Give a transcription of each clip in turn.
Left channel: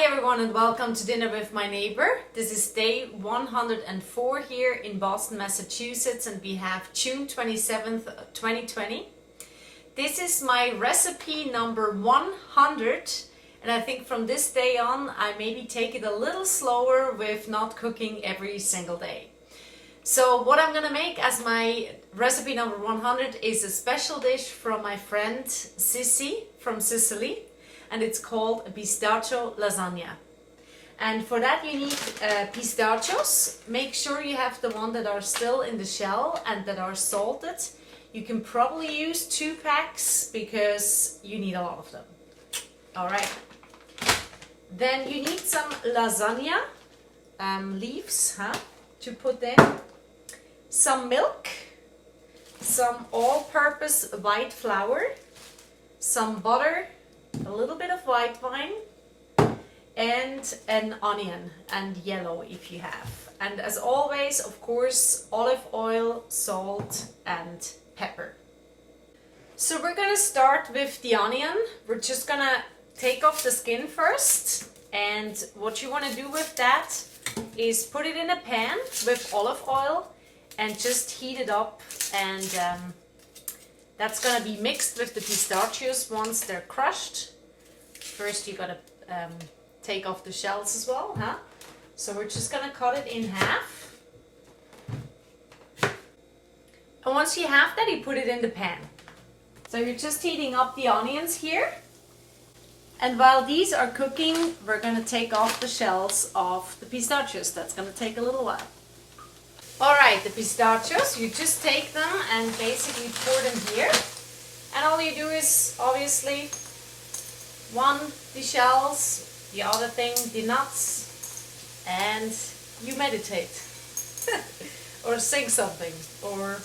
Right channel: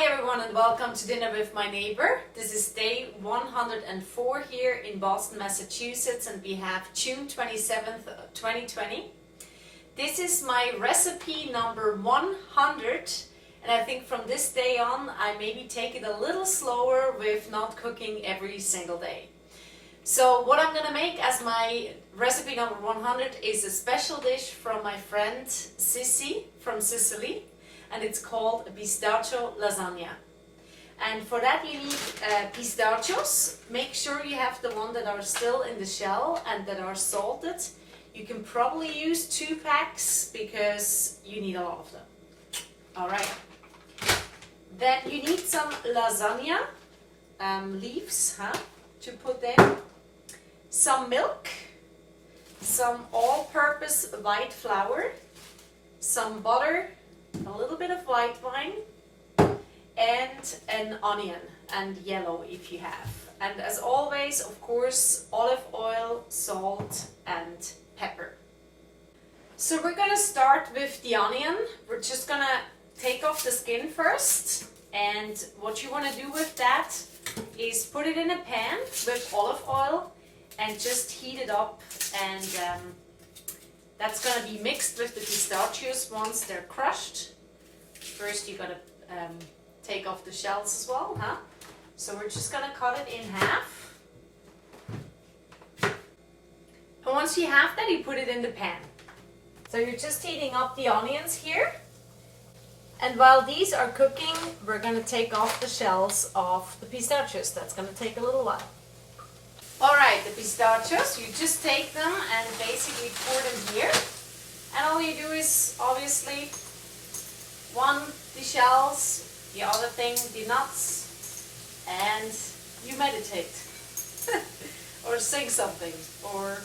Hi everyone and welcome to Dinner with My Neighbor. This is day 104 here in Boston, Massachusetts, and we have June 27th, 2020. This is my recipe number 100, and I think from this day on I maybe take it a little slower with not cooking every single day. So what I'm gonna make as my recipe number 100 is a special dish from my friend Sissy from Sicily. And it's called a pistachio lasagna. And for that you need pistachos. Make sure you have the one that are still in the shell and that are salted. You can probably use 2 packs because you need a lot of them. Alright. Then you need some lasagna leaves to put in. Some milk. Some all-purpose white flour. Some butter. A little bit of white wine and an onion, and yellow if you have. And as always, of course, olive oil, salt and pepper. So we're gonna start with the onion. We're just gonna take off the skin first, and what you want to do with that is put it in a pan with olive oil and just heat it up, and that's going to be mixed with the pistachios once they're crushed. First you got to take off the shells as well, So we're just going to cut it in half. And once you have that, you put it in the pan. So you're just heating up the onions here. And while these are cooking, we're going to take off the shells of the pistachios. That's going to take a little while. Alright, the pistachios, you just take them and basically pour them here. And all you do is, obviously, one, the shells, the other thing, the nuts, and you meditate. Or sing something, or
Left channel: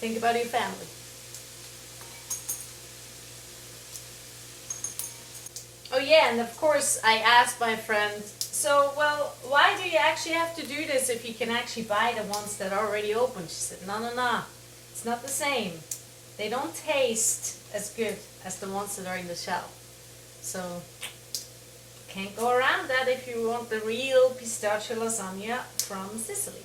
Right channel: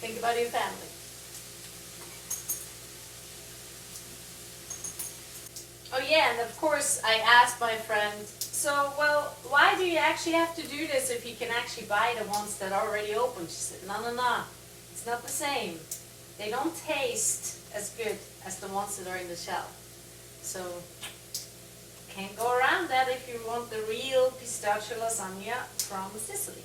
think about your family. Oh yeah, and of course I asked my friend, so, well, why do you actually have to do this if you can actually buy the ones that are already open? She said, no, it's not the same. They don't taste as good as the ones that are in the shell. So, can't go around that if you want the real pistachio lasagna from Sicily.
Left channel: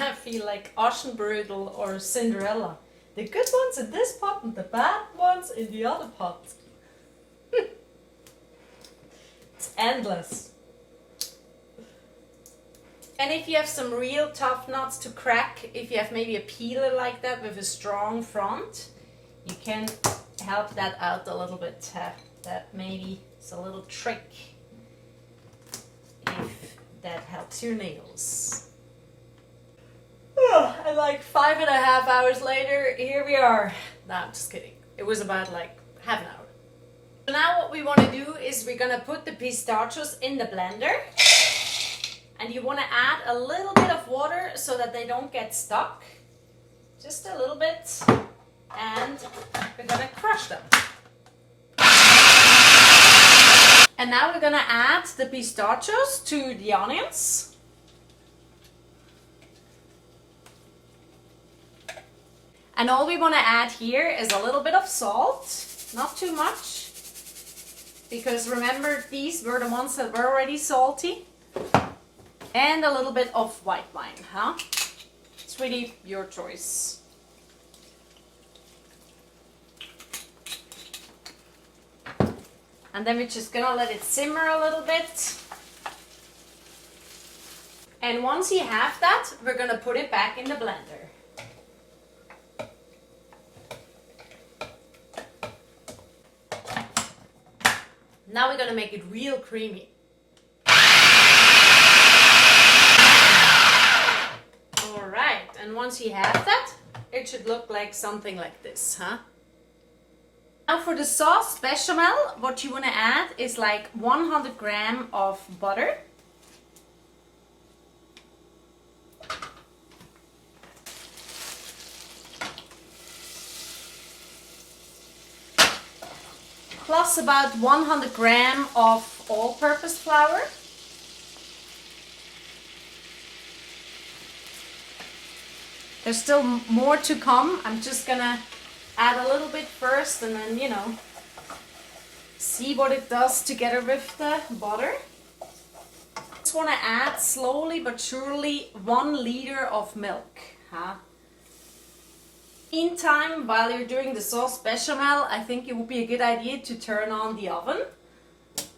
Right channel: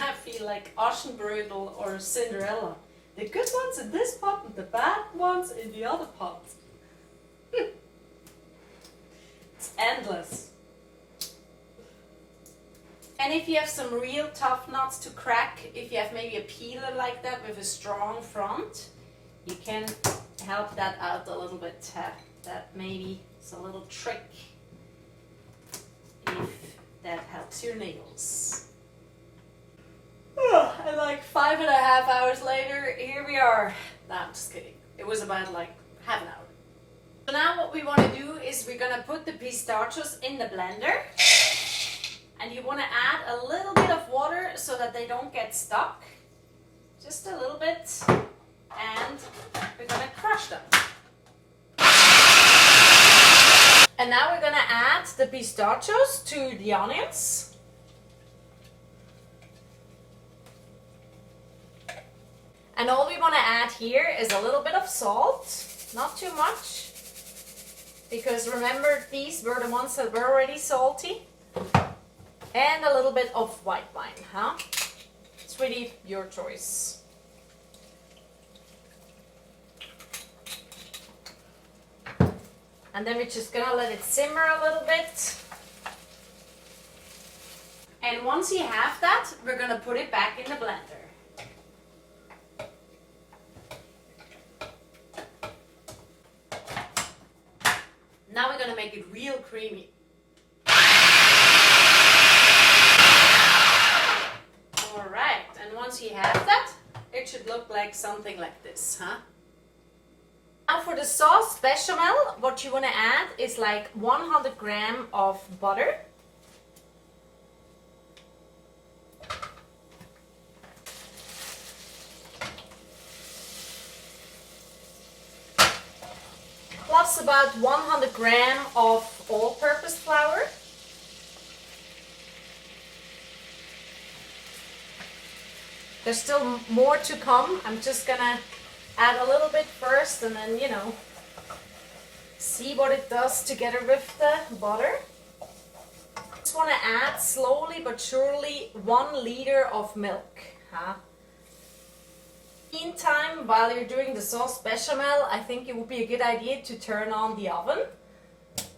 I feel like Aschenbrödel or Cinderella. The good ones in this pot and the bad ones in the other pot. It's endless. And if you have some real tough nuts to crack, if you have maybe a peeler like that with a strong front, you can help that out a little bit. That maybe is a little trick if that helps your nails. And like 5.5 hours later, here we are. No, I'm just kidding. It was about like half an hour. So now what we want to do is we're going to put the pistachios in the blender. And you want to add a little bit of water so that they don't get stuck. Just a little bit. And we're going to crush them. And now we're going to add the pistachios to the onions. And all we want to add here is a little bit of salt, not too much, because remember these were the ones that were already salty, and a little bit of white wine, It's really your choice. And then we're just gonna let it simmer a little bit. And once you have that, we're gonna put it back in the blender. Now we're going to make it real creamy. Alright, and once you have that, it should look like something like this, Now for the sauce bechamel, what you want to add is like 100 grams of butter. Plus about 100 grams of all-purpose flour. There's still more to come. I'm just gonna add a little bit first and then, see what it does together with the butter. Just want to add slowly but surely 1 liter of milk. In time, while you're doing the sauce bechamel, I think it would be a good idea to turn on the oven.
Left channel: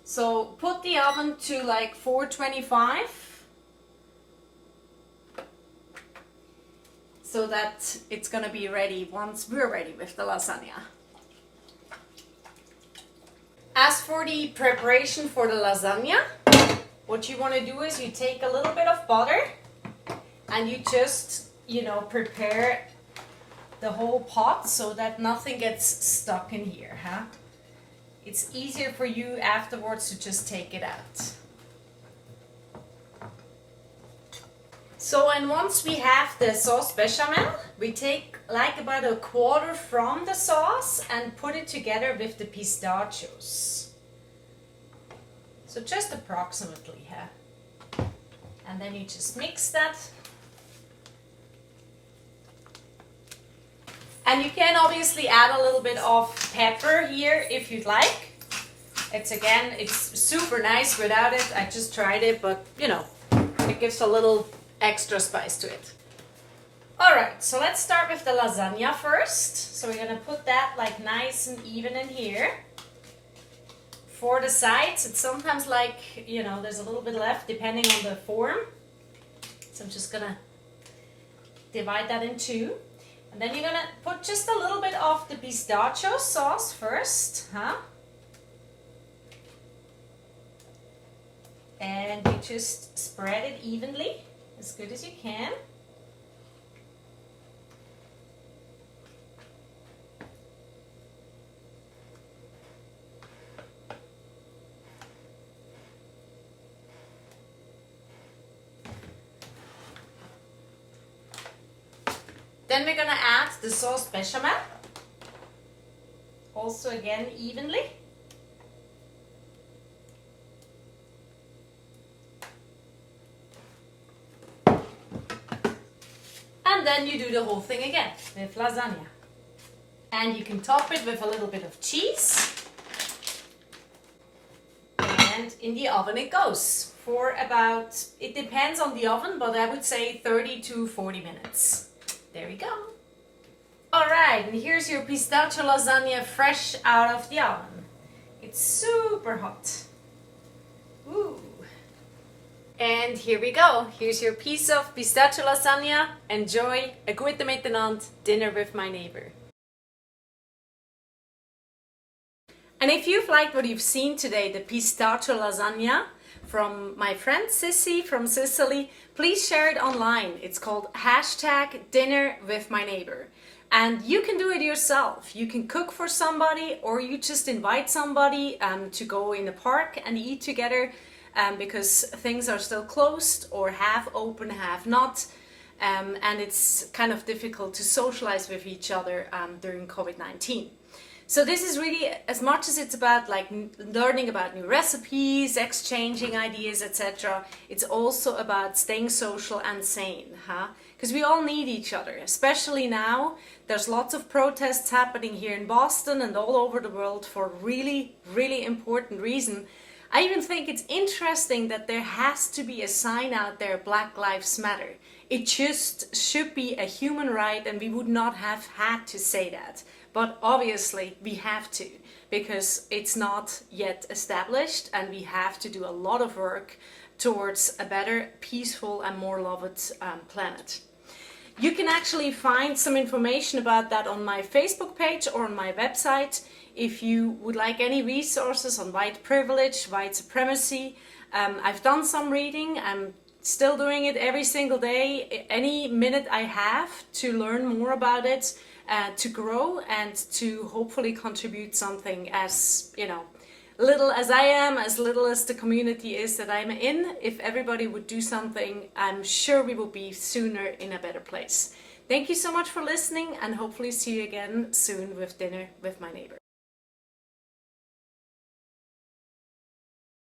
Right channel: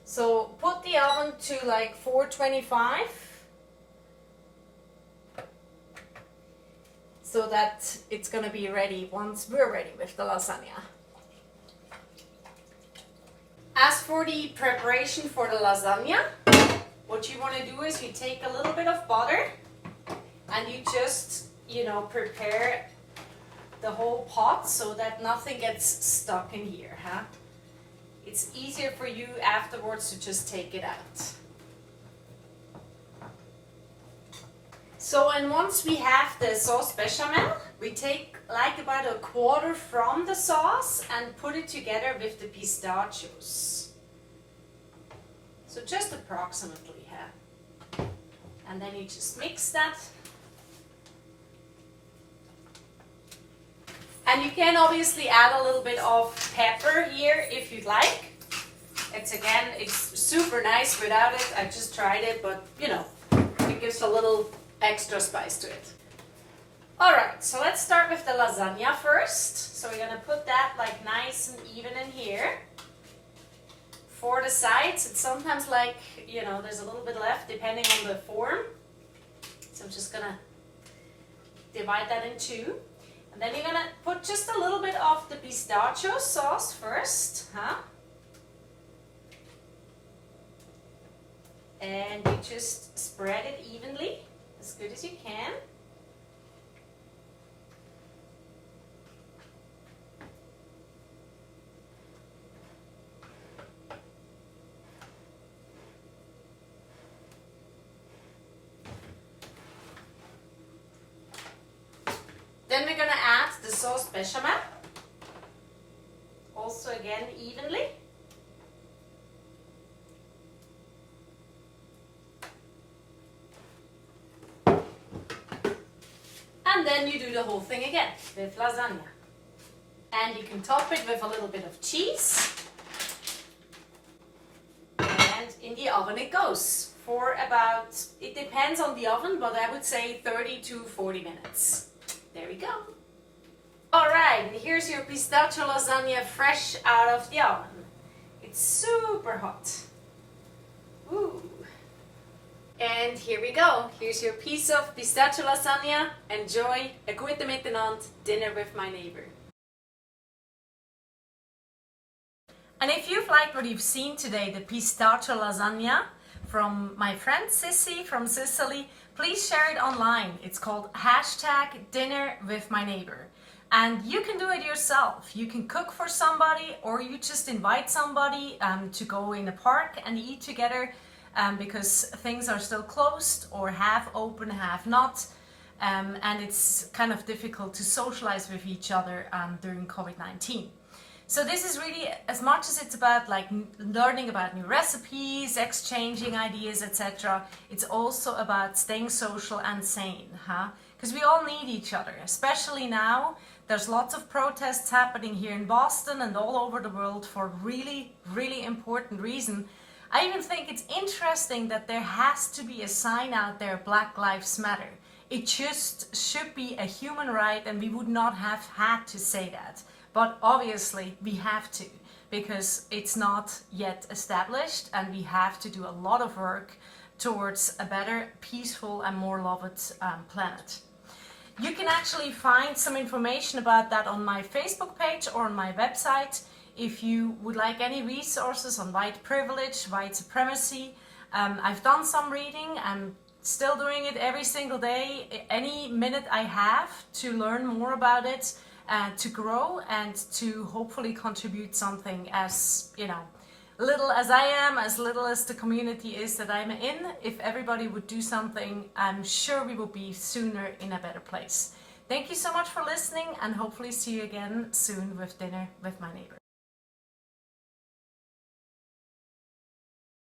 So put the oven to like 425 so that it's going to be ready once we're ready with the lasagna. As for the preparation for the lasagna, what you want to do is you take a little bit of butter and you just, prepare the whole pot so that nothing gets stuck in here. It's easier for you afterwards to just take it out. So, and once we have the sauce bechamel, we take like about 1/4 from the sauce and put it together with the pistachios. So just approximately, and then you just mix that. And you can obviously add a little bit of pepper here if you'd like. It's super nice without it. I just tried it, but it gives a little extra spice to it. Alright, so let's start with the lasagna first. So we're going to put that like nice and even in here. For the sides, it's sometimes like, there's a little bit left depending on the form. So I'm just going to divide that in 2. And then you're going to put just a little bit of the pistachio sauce first. And you just spread it evenly, as good as you can. Then we're going to add the sauce bechamel, also again evenly. And then you do the whole thing again with lasagna. And you can top it with a little bit of cheese. And in the oven it goes for about, it depends on the oven, but I would say 30 to 40 minutes. There we go. Alright, and here's your pistachio lasagna fresh out of the oven. It's super hot. Ooh. And here we go. Here's your piece of pistachio lasagna. Enjoy. Gute miteinander. Dinner with my neighbor. And if you've liked what you've seen today, the pistachio lasagna from my friend Sissy from Sicily, please share it online. It's called #dinnerwithmyneighbor. And you can do it yourself. You can cook for somebody, or you just invite somebody to go in a park and eat together because things are still closed or half open, half not. And it's kind of difficult to socialize with each other during COVID-19. So this is really, as much as it's about like learning about new recipes, exchanging ideas, etc., it's also about staying social and sane, because we all need each other, especially now. There's lots of protests happening here in Boston and all over the world for really, really important reason. I even think it's interesting that there has to be a sign out there, Black Lives Matter. It just should be a human right, and we would not have had to say that. But obviously we have to, because it's not yet established, and we have to do a lot of work towards a better, peaceful and more loved planet. You can actually find some information about that on my Facebook page or on my website. If you would like any resources on white privilege, white supremacy, I've done some reading. I'm still doing it every single day. Any minute I have to learn more about it, to grow and to hopefully contribute something, as little as I am, as little as the community is that I'm in. If everybody would do something, I'm sure we will be sooner in a better place. Thank you so much for listening, and hopefully see you again soon with Dinner with My Neighbor.